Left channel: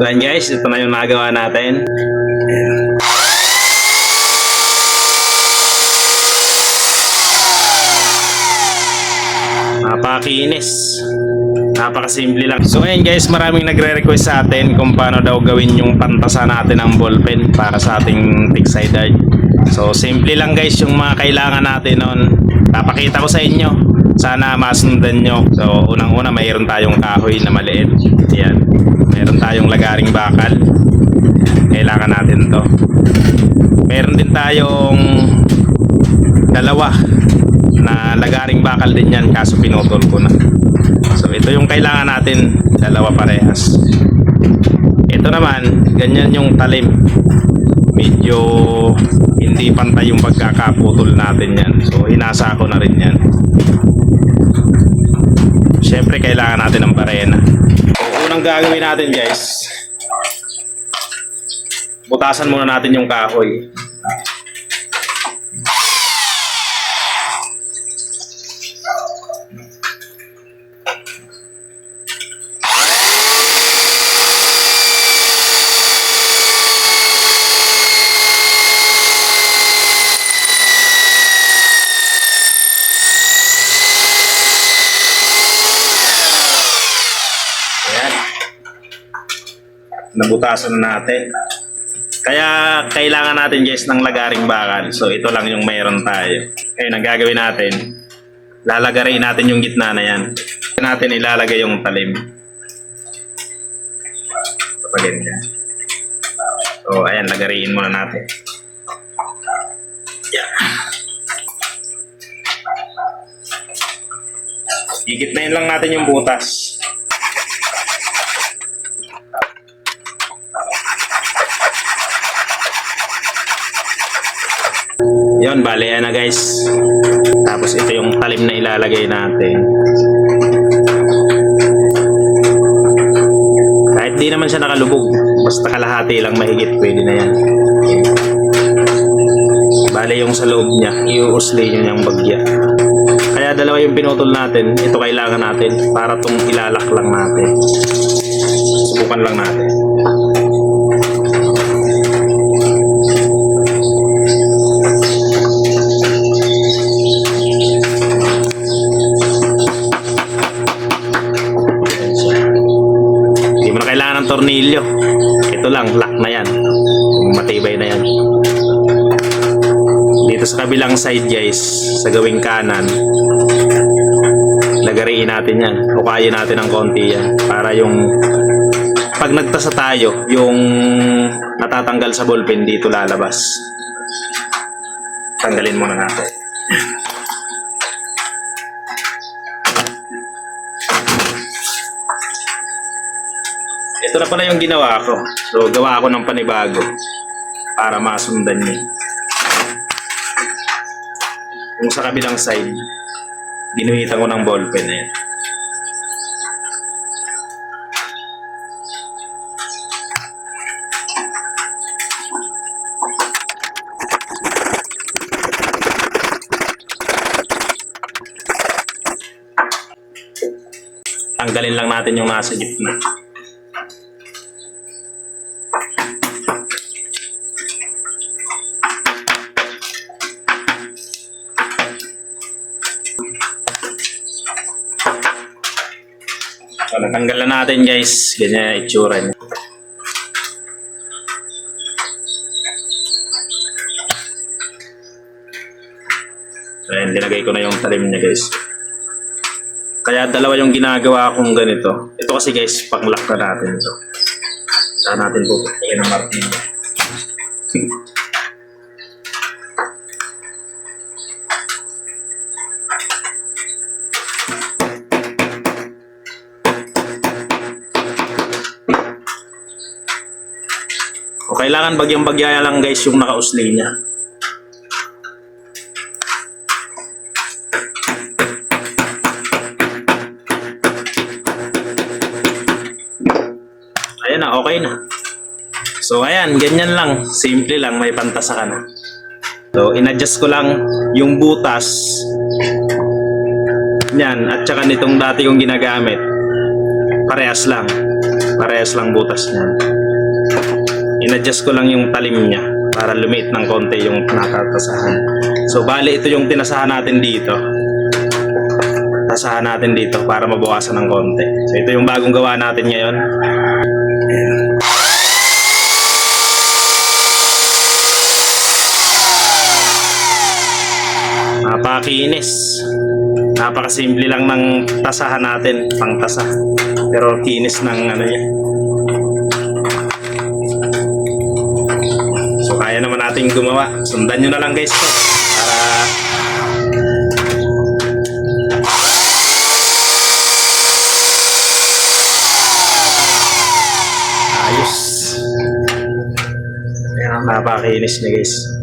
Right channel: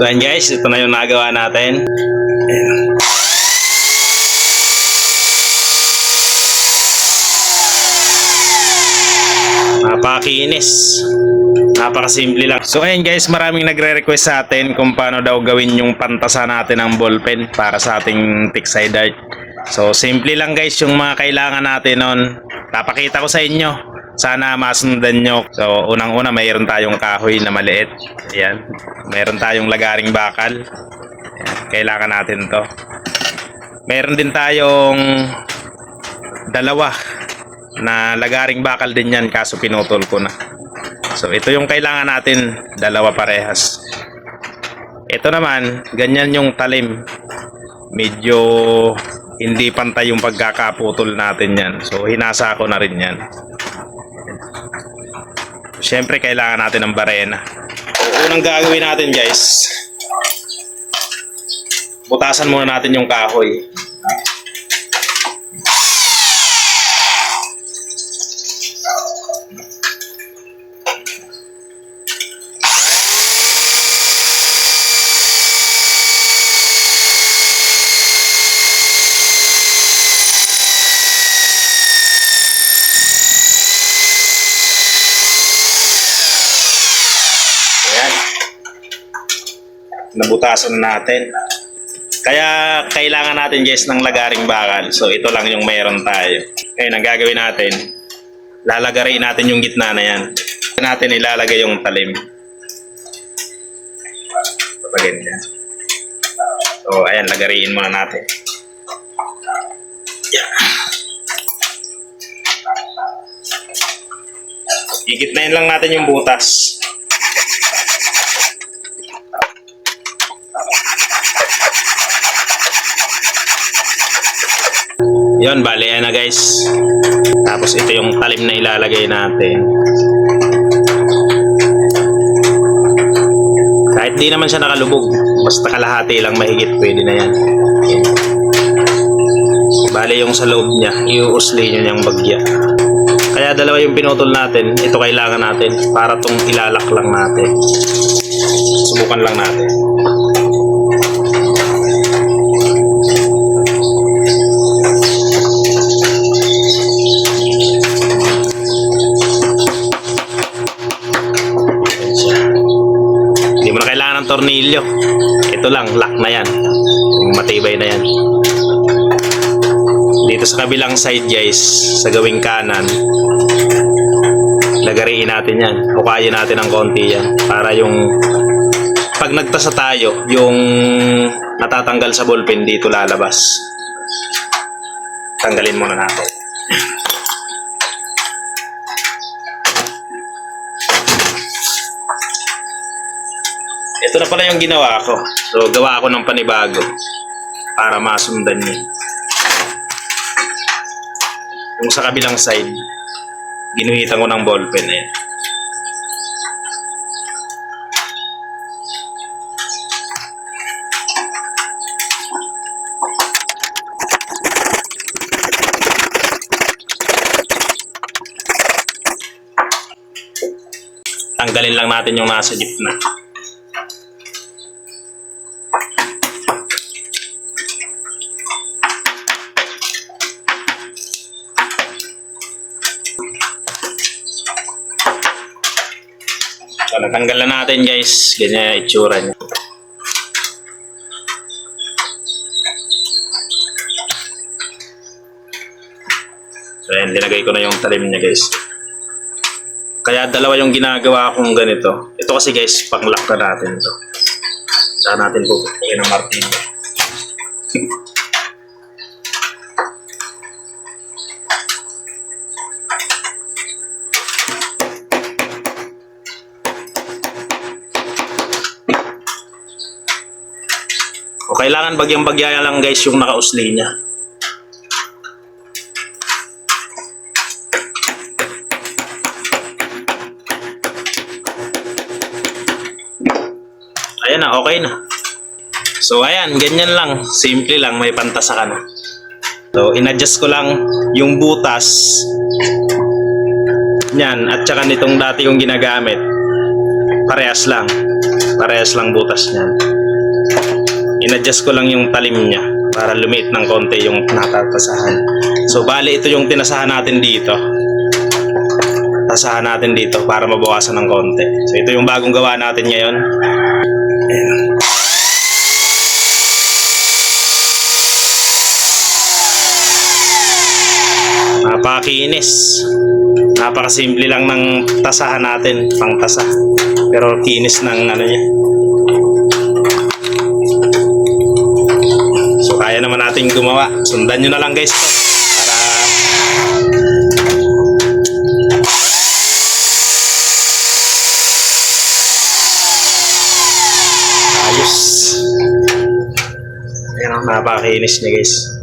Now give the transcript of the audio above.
So ayan guys, ito na yung nagawa natin. Ayan. Napakakinis. Napakasimple lang. So ayun guys, maraming nagre-request sa atin kung paano daw gawin yung pantasa natin ng ballpen para sa ating tick side art. So simple lang guys yung mga kailangan natin nun. Napakita ko sa inyo. Sana masundan nyo. So unang-una mayroon tayong kahoy na maliit. Yan. Mayroon tayong lagaring bakal. Kailangan natin to. Meron din tayong dalawa na lagaring bakal din yan kaso pinutol ko na. So ito yung kailangan natin, dalawa parehas. Ito naman, ganyan yung talim. Medyo hindi pantay yung pagkakaputol natin yan. So hinasa ko na rin yan. Siyempre kailangan natin ng barena. Unang gagawin natin guys, butasan muna natin yung kahoy. Ayan. Nabutasan na natin. Kaya kailangan natin guys ng lagaring bakal. So ito lang yung mayroon tayo. Ngayon ang gagawin natin, lalagarin natin yung gitna na yan. natin ilalagay yung talim. Kapag ganyan. So ayan, lagariin muna natin. Yeah. Igitnayin lang natin yung butas. Yon, bale yan na guys. Tapos ito yung talim na ilalagay natin. Kahit di naman siya nakalubog, basta kalahati lang mahigit, pwede na yan. Bale yung sa loob niya, iuusli nyo niyang bagya. Kaya dalawa yung pinutol natin, ito kailangan natin para tong ilalak lang natin. Subukan lang natin. Tornilyo. Ito lang, lock na yan. Matibay na yan. Dito sa kabilang side guys, sa gawing kanan, lagariin natin yan. Hukayin natin ng konti yan. Para yung pag nagtasa tayo, yung natatanggal sa ballpen dito lalabas. Tanggalin muna natin. Ito na pala yung ginawa ko. So, gawa ako ng panibago para masundan niyo. Yung sa kabilang side, ginuhitan ko ng ballpen na yan. Tanggalin lang natin yung nasa gitna. So, natanggal na natin guys. Ganyan yung itsura niya. So, ayan, linagay ko na yung talim niya guys. Kaya dalawa yung ginagawa kong ganito. Ito kasi guys, pang-lock na natin ito. Saan natin pupukin ng martilyo. kailangan bagyang-bagya lang guys yung nakausli niya. Ayan na, okay na. So ayan, ganyan lang. Simple lang, may pantasa ka na. So inadjust ko lang yung butas niyan at saka nitong dati kong ginagamit. Parehas lang. Parehas lang butas niyan. In-adjust ko lang yung talim niya para lumiit ng konti yung natatasahan. So bali ito yung tinasahan natin dito. Tasahan natin dito para mabawasan ng konti. So ito yung bagong gawa natin ngayon. Ayan. Napakinis. Napakasimple lang ng tasahan natin, pang tasa. Pero kinis ng ano niya. So kaya naman natin gumawa. Sundan nyo na lang guys to. Para ayos. Ayan ang napakinis niya guys.